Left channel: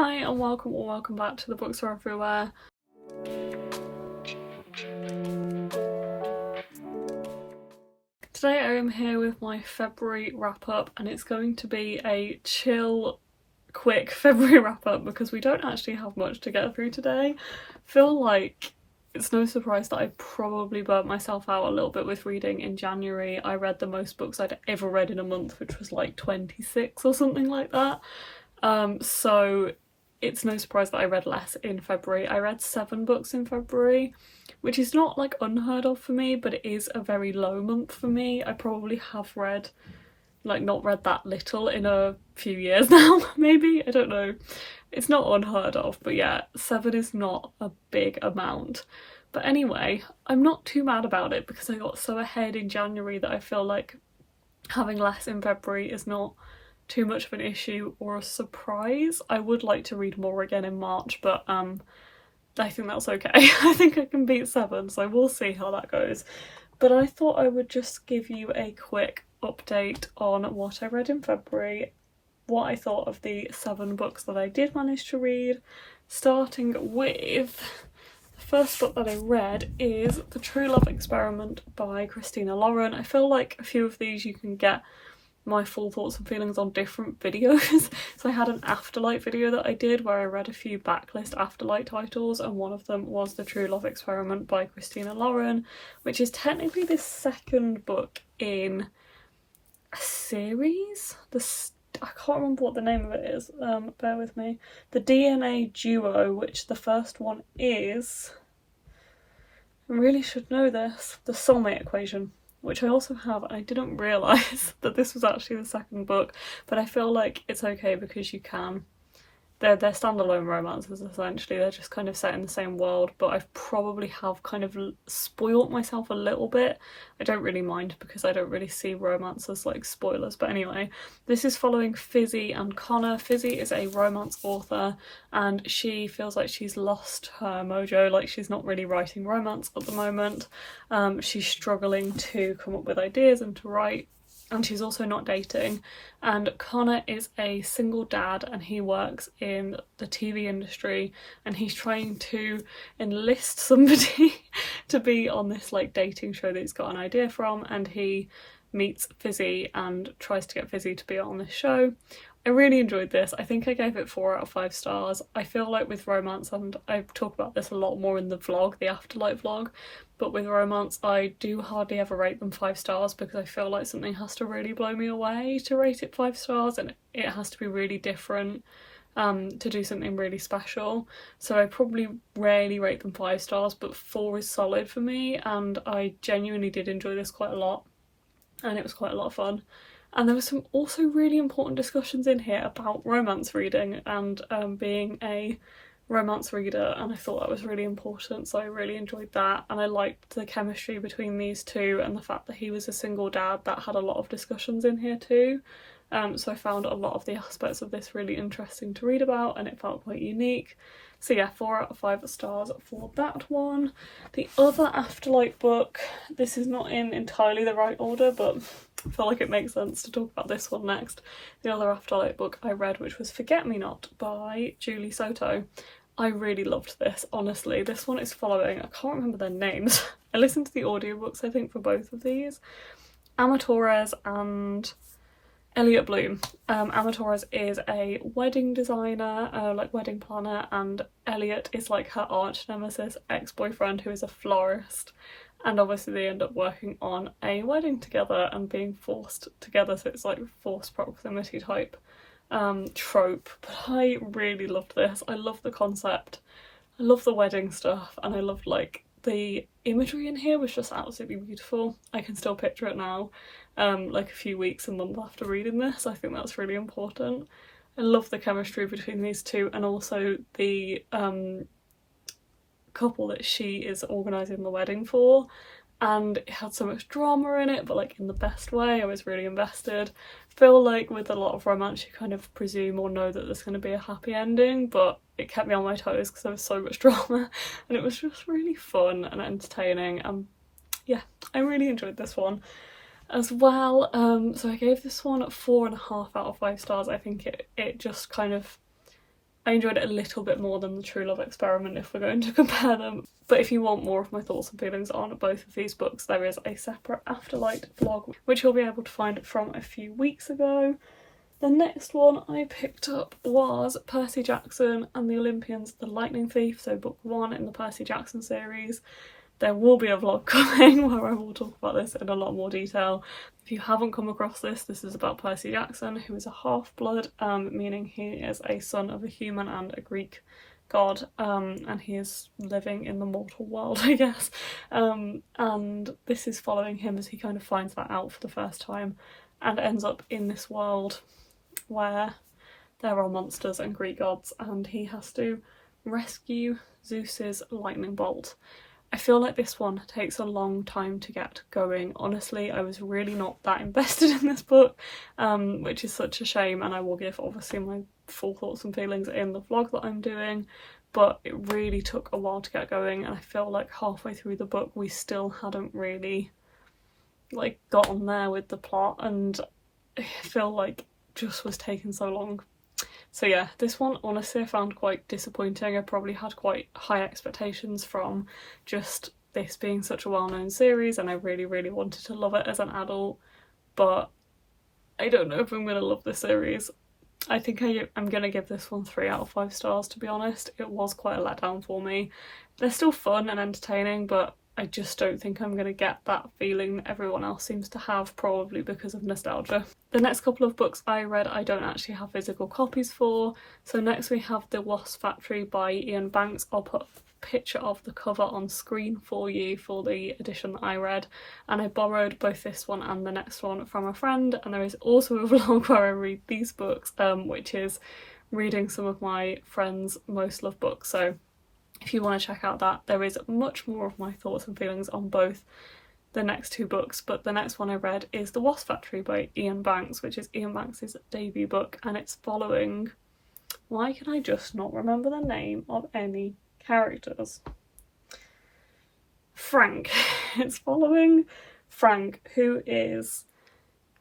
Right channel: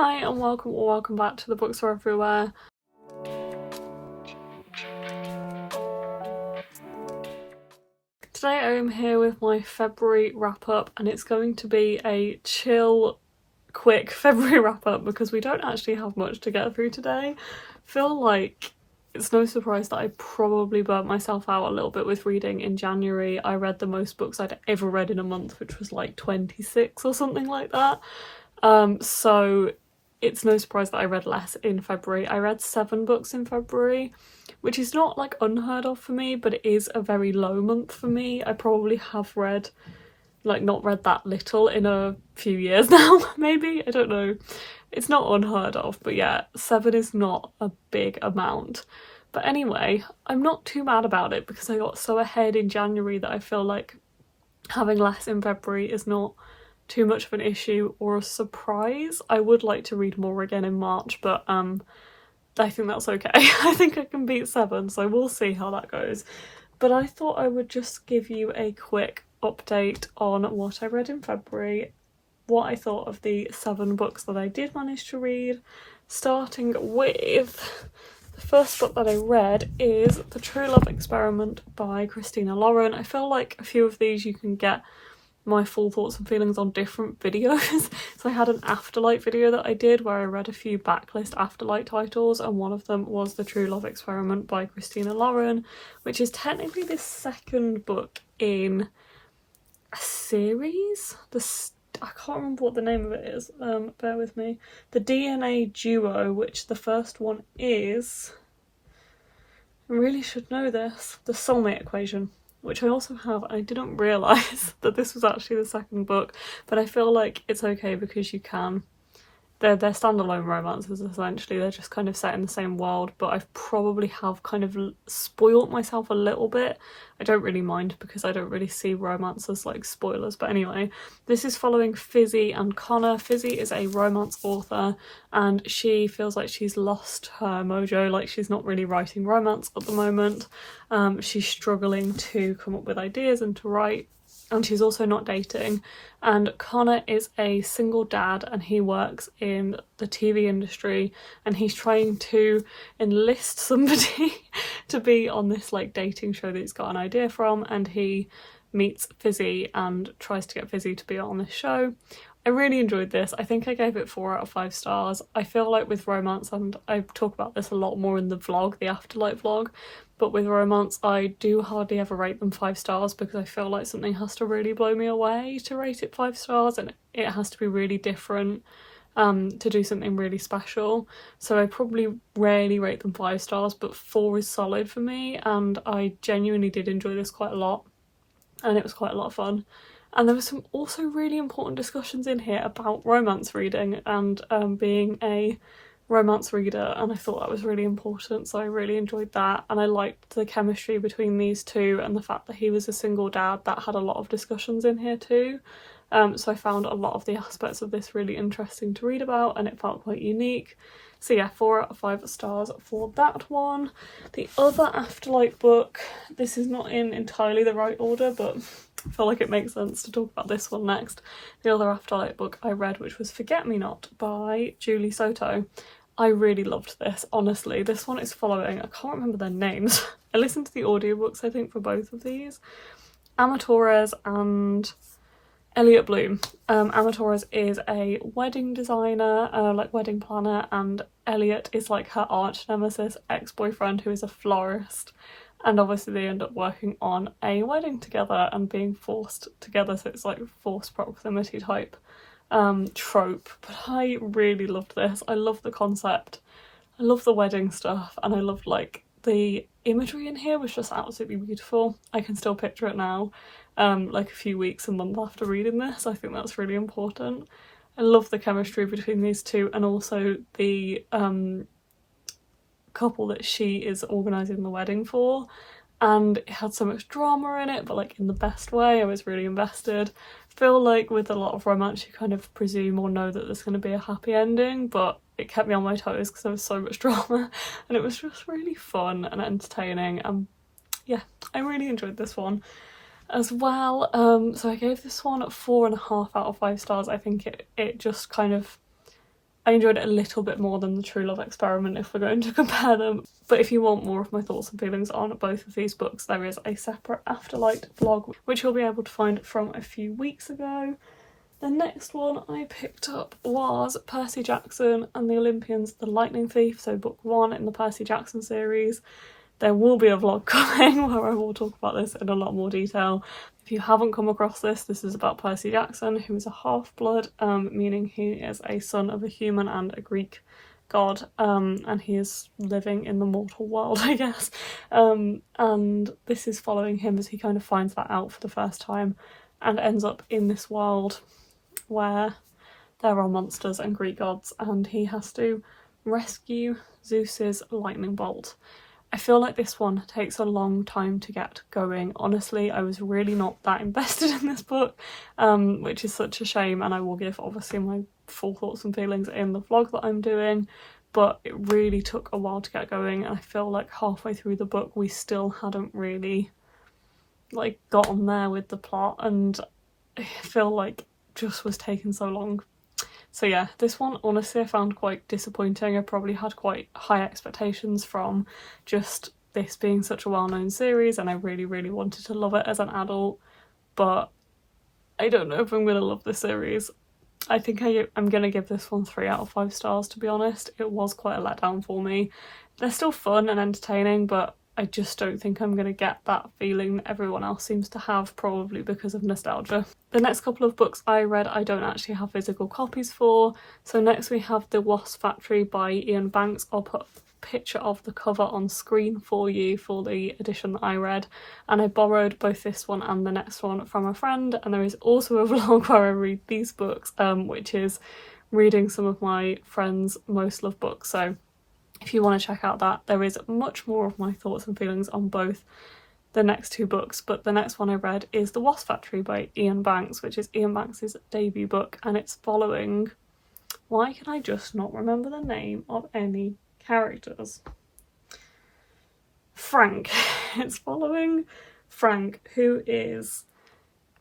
Hi and welcome or welcome back to the Books Are Everywhere. Today I am here with my February wrap up and it's going to be a chill, quick February wrap up because we don't actually have much to get through today. I feel like it's no surprise that I probably burnt myself out a little bit with reading in January. I read the most books I'd ever read in a month, which was like 26 or something like that. So it's no surprise that I read less in February. I read 7 books in February, which is not like unheard of for me, but it is a very low month for me. I probably have read, not read that little in a few years now, maybe, I don't know. It's not unheard of, but yeah, 7 is not a big amount. But anyway, I'm not too mad about it because I got so ahead in January that I feel like having less in February is not too much of an issue or a surprise. I would like to read more again in March, but I think that's okay. I think I can beat 7, so we'll see how that goes. But I thought I would just give you a quick update on what I read in February, what I thought of the 7 books that I did manage to read, starting with the first book that I read is The True Love Experiment by Christina Lauren. I feel like a few of these you can get my full thoughts and feelings on different videos. So I had an Afterlight video that I did where I read a few backlist Afterlight titles, and one of them was The True Love Experiment by Christina Lauren, which is technically the second book in a series. I can't remember what the name of it is, bear with me. The DNA Duo, which the first one is, I really should know this, The Soulmate Equation, which I also have. I didn't realise that this was actually the second book, but I feel like it's okay because you can. They're standalone romances essentially, they're just kind of set in the same world, but I probably have kind of spoilt myself a little bit. I don't really mind because I don't really see romance as like spoilers, but anyway, this is following Fizzy and Connor. Fizzy is a romance author and she feels like she's lost her mojo, like she's not really writing romance at the moment. She's struggling to come up with ideas and to write, and she's also not dating. And Connor is a single dad and he works in the TV industry and he's trying to enlist somebody to be on this like dating show that he's got an idea from, and he meets Fizzy and tries to get Fizzy to be on this show. I really enjoyed this. I think I gave it 4 out of 5 stars. I feel like with romance, and I talk about this a lot more in the vlog, the Afterlight vlog, but with romance I do hardly ever rate them 5 stars because I feel like something has to really blow me away to rate it 5 stars, and it has to be really different to do something really special. So I probably rarely rate them 5 stars, but 4 is solid for me, and I genuinely did enjoy this quite a lot and it was quite a lot of fun. And there were some also really important discussions in here about romance reading and being a romance reader, and I thought that was really important, so I really enjoyed that. And I liked the chemistry between these two and the fact that he was a single dad. That had a lot of discussions in here too. So I found a lot of the aspects of this really interesting to read about and it felt quite unique. So yeah, 4 out of 5 stars for that one. The other Afterlight book, this is not in entirely the right order, but I feel like it makes sense to talk about this one next. The other Afterlight book I read, which was Forget Me Not by Julie Soto. I really loved this, honestly. This one is following, I can't remember their names. I listened to the audiobooks, I think, for both of these. Ama Torres and Elliot Bloom. Ama Torres is a wedding designer, like wedding planner, and Elliot is like her arch nemesis ex-boyfriend who is a florist. And obviously they end up working on a wedding together and being forced together, so it's like forced proximity type trope. But I really loved this. I love the concept, I love the wedding stuff, and I loved like the imagery in here was just absolutely beautiful. I can still picture it now, like a few weeks and months after reading this. I think that's really important. I love the chemistry between these two, and also the couple that she is organising the wedding for, and it had so much drama in it, but like in the best way. I was really invested. I feel like with a lot of romance you kind of presume or know that there's going to be a happy ending, but it kept me on my toes because there was so much drama and it was just really fun and entertaining. Yeah, I really enjoyed this one as well. So I gave this one 4.5 out of 5 stars. I think it just kind of, I enjoyed it a little bit more than the True Love Experiment if we're going to compare them. But if you want more of my thoughts and feelings on both of these books, there is a separate Afterlight vlog which you'll be able to find from a few weeks ago. The next one I picked up was Percy Jackson and the Olympians, The Lightning Thief, so book 1 in the Percy Jackson series. There will be a vlog coming where I will talk about this in a lot more detail. If you haven't come across this, this is about Percy Jackson, who is a half-blood, meaning he is a son of a human and a Greek god, and he is living in the mortal world, I guess. And this is following him as he kind of finds that out for the first time and ends up in this world where there are monsters and Greek gods, and he has to rescue Zeus's lightning bolt. I feel like this one takes a long time to get going. Honestly, I was really not that invested in this book, which is such a shame, and I will give obviously my full thoughts and feelings in the vlog that I'm doing, but it really took a while to get going, and I feel like halfway through the book we still hadn't really like got on there with the plot, and I feel like just was taking so long. So yeah, this one honestly I found quite disappointing. I probably had quite high expectations from just this being such a well-known series, and I really wanted to love it as an adult, but I don't know if I'm gonna love this series. I think I'm gonna give this one 3 out of 5 stars, to be honest. It was quite a letdown for me. They're still fun and entertaining, but I just don't think I'm going to get that feeling that everyone else seems to have, probably because of nostalgia. The next couple of books I read I don't actually have physical copies for. So next we have The Wasp Factory by Ian Banks. I'll put a picture of the cover on screen for you for the edition that I read. And I borrowed both this one and the next one from a friend. And there is also a vlog where I read these books, which is reading some of my friends' most loved books. So if you want to check out that, there is much more of my thoughts and feelings on both the next 2 books, but the next one I read is The Wasp Factory by Ian Banks, which is Ian Banks' debut book, and it's following... Why can I just not remember the name of any characters? Frank. It's following Frank, who is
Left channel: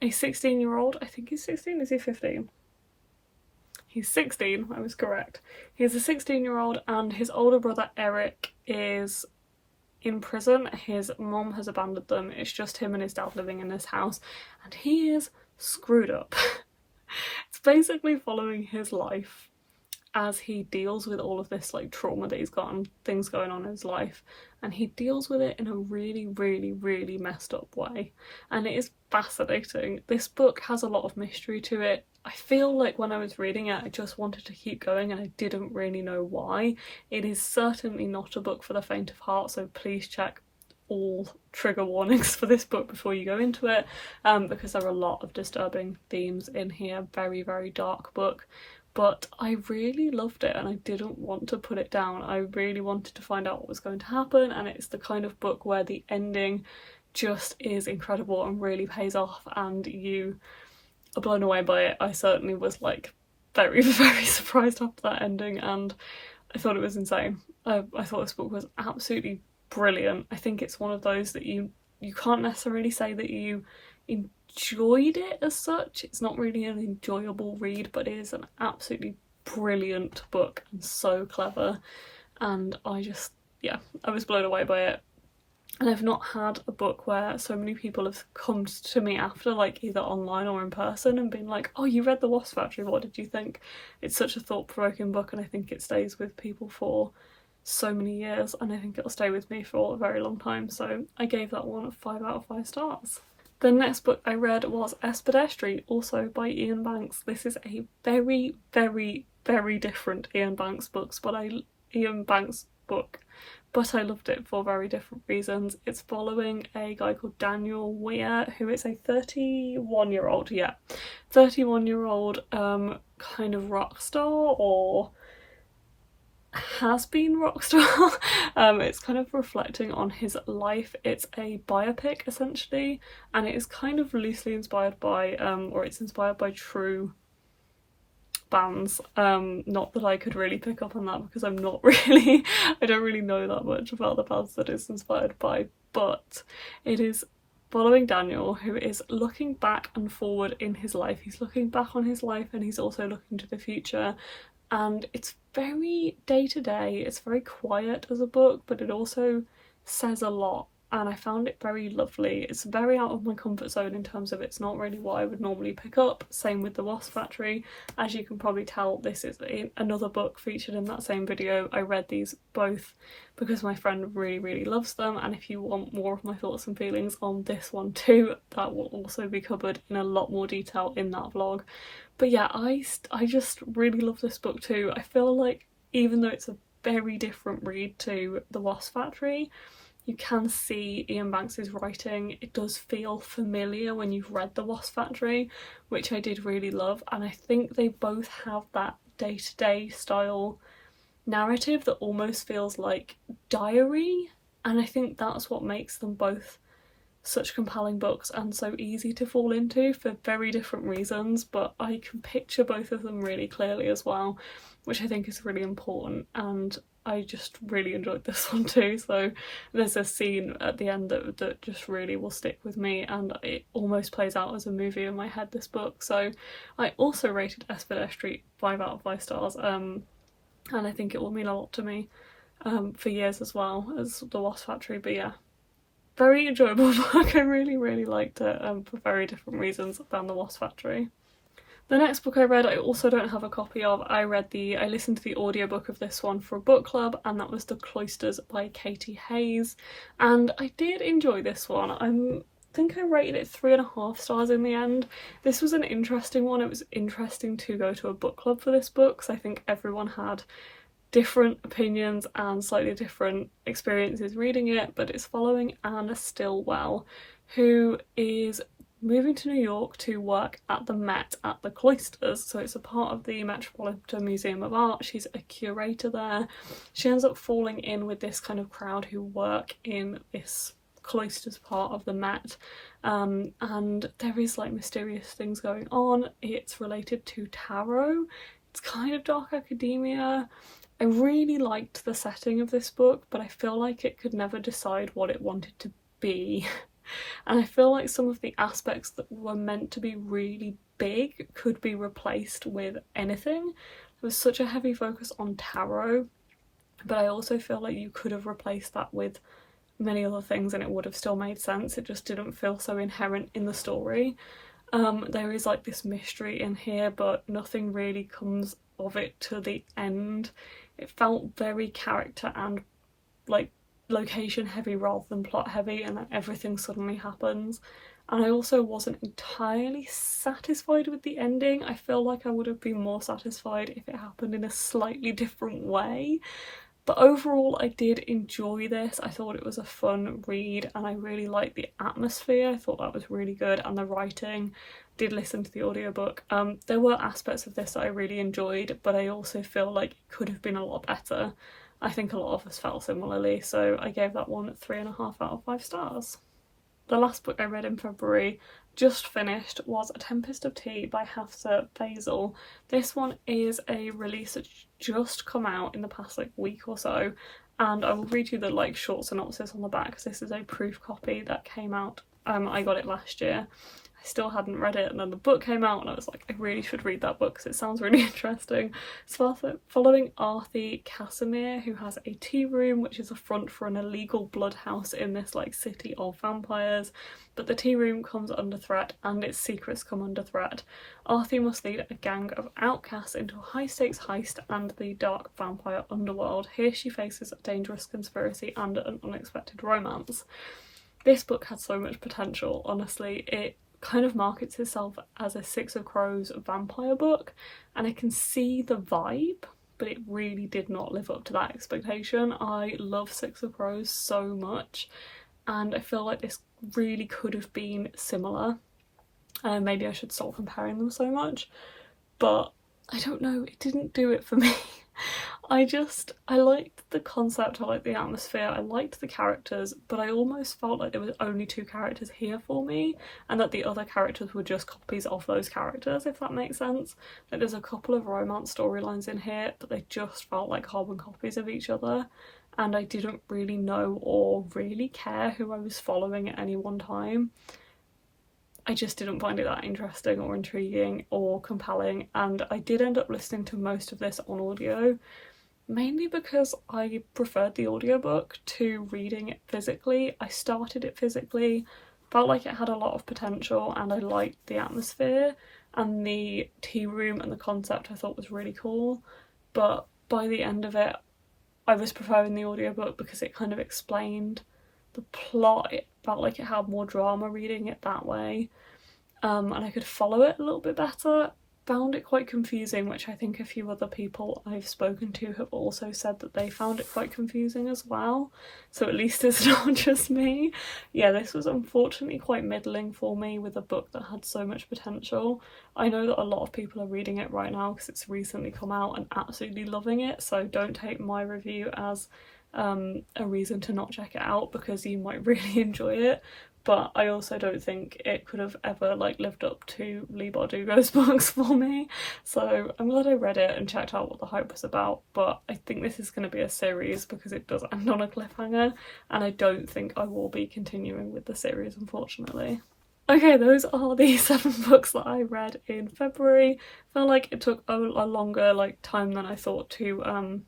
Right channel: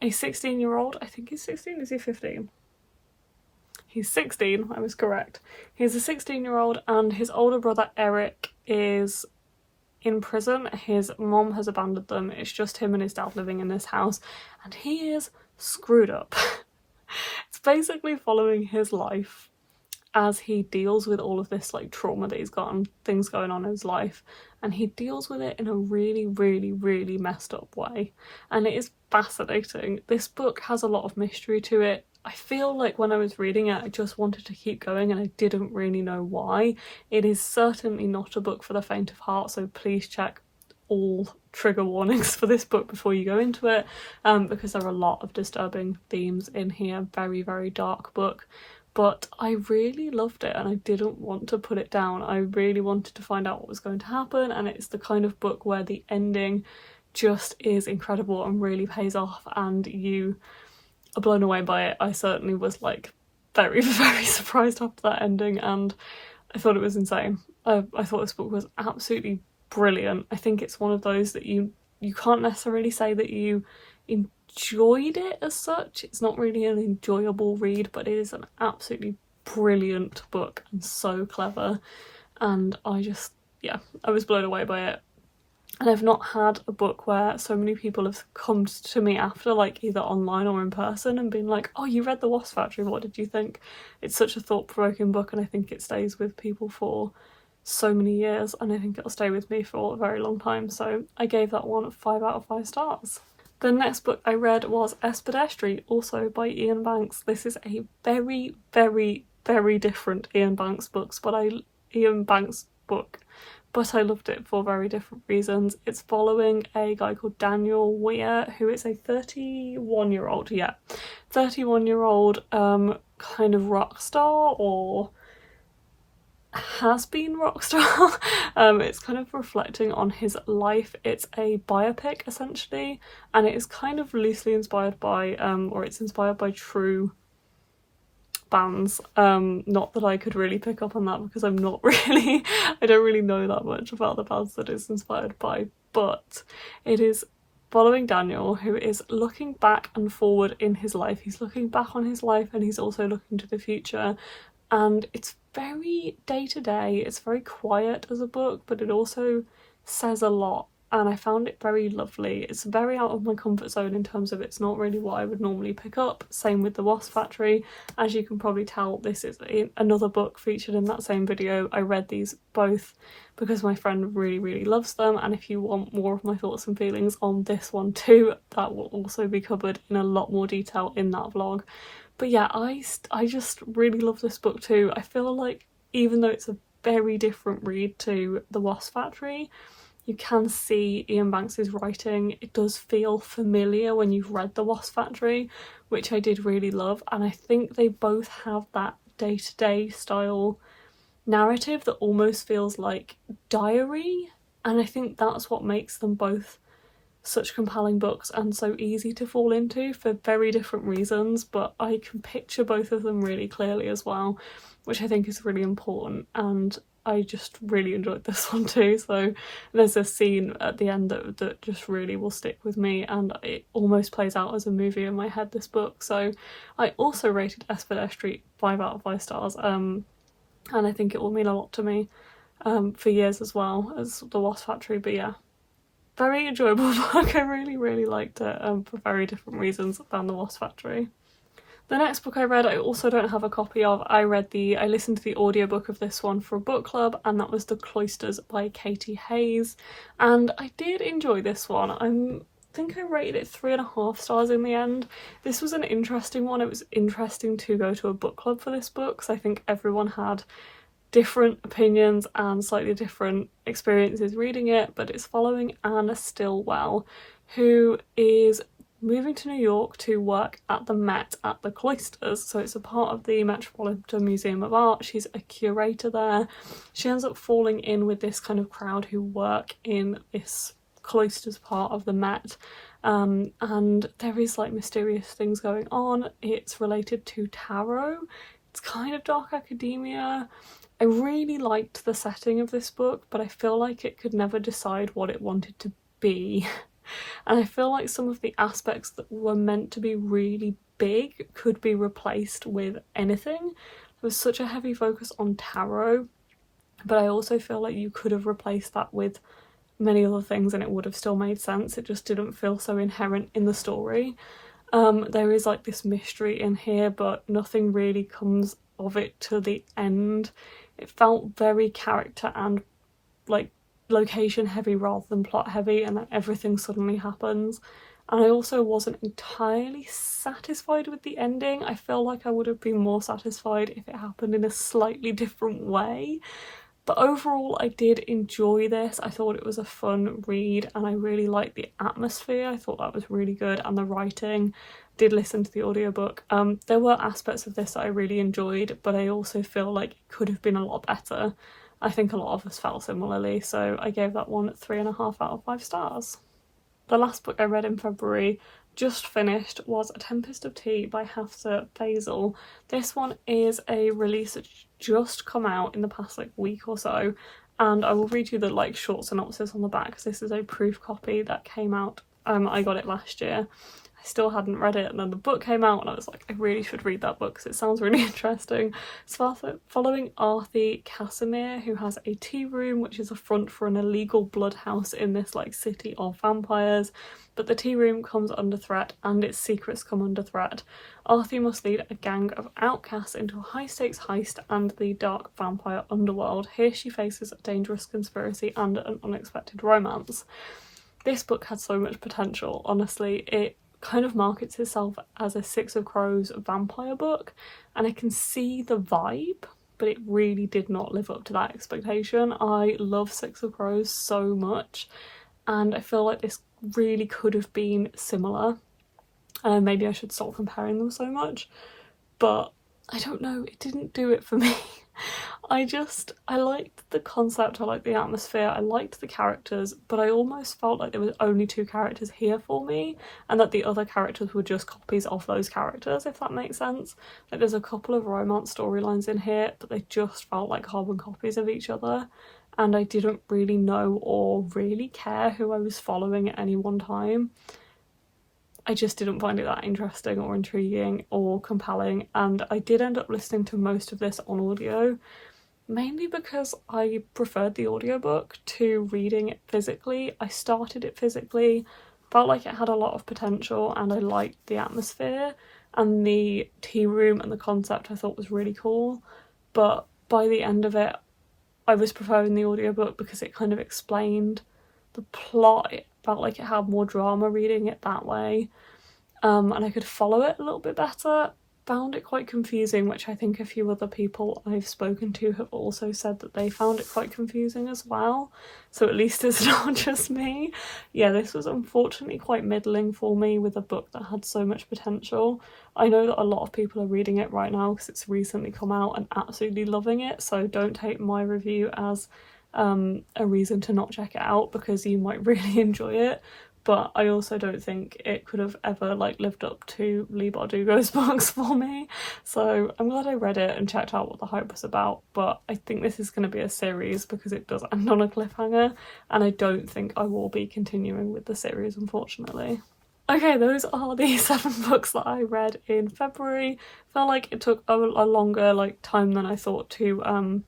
a 16-year-old. I think he's 16, is he 15? He's 16, I was correct. He's a 16-year-old and his older brother Eric is in prison. His mom has abandoned them. It's just him and his dad living in this house, and he is screwed up. It's basically following his life as he deals with all of this like trauma that he's got and things going on in his life, and he deals with it in a really messed up way, and it is fascinating. This book has a lot of mystery to it. I feel like when I was reading it I just wanted to keep going and I didn't really know why. It is certainly not a book for the faint of heart, so please check all trigger warnings for this book before you go into it, because there are a lot of disturbing themes in here. Very dark book, but I really loved it and I didn't want to put it down. I really wanted to find out what was going to happen, and it's the kind of book where the ending just is incredible and really pays off and you are blown away by it. I certainly was like very surprised after that ending, and I thought it was insane. I thought this book was absolutely brilliant. I think it's one of those that you can't necessarily say that you enjoyed it as such. It's not really an enjoyable read, but it is an absolutely brilliant book and so clever, and I was blown away by it. And I've not had a book where so many people have come to me after, like either online or in person, and been like, oh, you read The Wasp Factory, what did you think? It's such a thought-provoking book, and I think it stays with people for so many years, and I think it'll stay with me for a very long time, so I gave that one 5 out of 5 stars. The next book I read was Espedestry, also by Ian Banks. This is a very different Ian Banks book, but I loved it for very different reasons. It's following a guy called Daniel Weir, who is a 31-year-old, kind of rock star, or has been rock star. It's kind of reflecting on his life. It's a biopic essentially, and it is kind of loosely inspired by or it's inspired by true bands. Not that I could really pick up on that because I don't really know that much about the bands that it's inspired by, but it is following Daniel, who is looking back and forward in his life. He's looking back on his life and he's also looking to the future, and it's very day-to-day, it's very quiet as a book, but it also says a lot, and I found it very lovely. It's very out of my comfort zone in terms of it's not really what I would normally pick up. Same with The Wasp Factory. As you can probably tell, this is another book featured in that same video. I read these both because my friend really loves them, and if you want more of my thoughts and feelings on this one too, that will also be covered in a lot more detail in that vlog. But yeah, I just really love this book too. I feel like even though it's a very different read to The Wasp Factory, you can see Ian Banks's writing. It does feel familiar when you've read The Wasp Factory, which I did really love, and I think they both have that day-to-day style narrative that almost feels like diary, and I think that's what makes them both such compelling books and so easy to fall into for very different reasons, but I can picture both of them really clearly as well, which I think is really important, and I just really enjoyed this one too. So there's a scene at the end that just really will stick with me, and it almost plays out as a movie in my head, this book. So I also rated Espedere Street 5 out of 5 stars, and I think it will mean a lot to me for years as well as The Wasp Factory. But yeah, very enjoyable book. I really liked it for very different reasons than The Wasp Factory. The next book I read, I also don't have a copy of. I listened to the audiobook of this one for a book club, and that was The Cloisters by Katie Hayes, and I did enjoy this one. I think I rated it 3.5 stars in the end. This was an interesting one. It was interesting to go to a book club for this book, because I think everyone had different opinions and slightly different experiences reading it, but it's following Anna Stillwell, who is moving to New York to work at the Met at the Cloisters. So it's a part of the Metropolitan Museum of Art. She's a curator there. She ends up falling in with this kind of crowd who work in this Cloisters part of the Met, and there is like mysterious things going on. It's related to tarot. It's kind of dark academia. I really liked the setting of this book, but I feel like it could never decide what it wanted to be. And I feel like some of the aspects that were meant to be really big could be replaced with anything. There was such a heavy focus on tarot, but I also feel like you could have replaced that with many other things and it would have still made sense. It just didn't feel so inherent in the story. There is like this mystery in here, but nothing really comes of it to the end. It felt very character and like location heavy rather than plot heavy, and then everything suddenly happens. And I also wasn't entirely satisfied with the ending. I feel like I would have been more satisfied if it happened in a slightly different way. But overall, I did enjoy this. I thought it was a fun read, and I really liked the atmosphere. I thought that was really good, and the writing. Did listen to the audiobook. There were aspects of this that I really enjoyed, but I also feel like it could have been a lot better. I think a lot of us felt similarly, so I gave that one 3.5 out of 5 stars. The last book I read in February, just finished, was A Tempest of Tea by Hafsa Faisal. This one is a release that's just come out in the past like week or so, and I will read you the like short synopsis on the back because this is a proof copy that came out. I got it last year. Still hadn't read it, and then the book came out and I was like, I really should read that book because it sounds really interesting. It's following Arthur Casimir, who has a tea room which is a front for an illegal blood house in this like city of vampires, but the tea room comes under threat and its secrets come under threat. Arthur must lead a gang of outcasts into a high-stakes heist and the dark vampire underworld. Here she faces a dangerous conspiracy and an unexpected romance. This book had so much potential, honestly. It kind of markets itself as a Six of Crows vampire book, and I can see the vibe, but it really did not live up to that expectation. I love Six of Crows so much, and I feel like this really could have been similar. Maybe I should stop comparing them so much, but I don't know, it didn't do it for me. I liked the concept, I liked the atmosphere, I liked the characters, but I almost felt like there was only 2 characters here for me, and that the other characters were just copies of those characters, if that makes sense. Like there's a couple of romance storylines in here, but they just felt like carbon copies of each other, and I didn't really know or really care who I was following at any one time. I just didn't find it that interesting or intriguing or compelling, and I did end up listening to most of this on audio, mainly because I preferred the audiobook to reading it physically. I started it physically, felt like it had a lot of potential, and I liked the atmosphere, and the tea room and the concept I thought was really cool, but by the end of it I was preferring the audiobook because it kind of explained the plot. It felt like it had more drama reading it that way, and I could follow it a little bit better. Found it quite confusing, which I think a few other people I've spoken to have also said that they found it quite confusing as well, so at least it's not just me. Yeah, this was unfortunately quite middling for me with a book that had so much potential. I know that a lot of people are reading it right now because it's recently come out and absolutely loving it, so don't take my review as a reason to not check it out, because you might really enjoy it. But I also don't think it could have ever like lived up to Leigh Bardugo's books for me. So I'm glad I read it and checked out what the hype was about, but I think this is going to be a series because it does end on a cliffhanger, and I don't think I will be continuing with the series, unfortunately. Okay, those are the 7 books that I read in February. Felt like it took a longer time than I thought to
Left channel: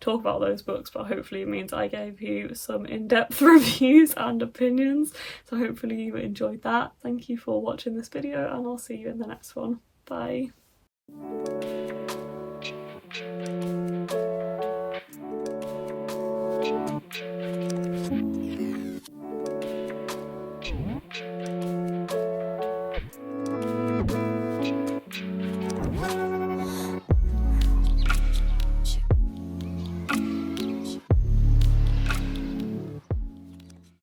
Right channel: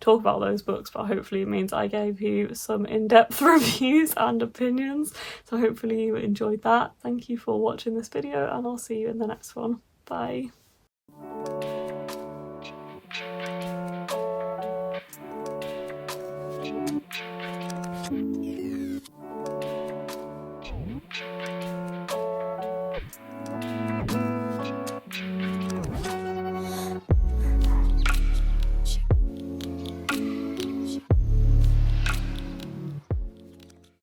talk about those books, but hopefully it means I gave you some in-depth reviews and opinions, so hopefully you enjoyed that. Thank you for watching this video, and I'll see you in the next one. Bye.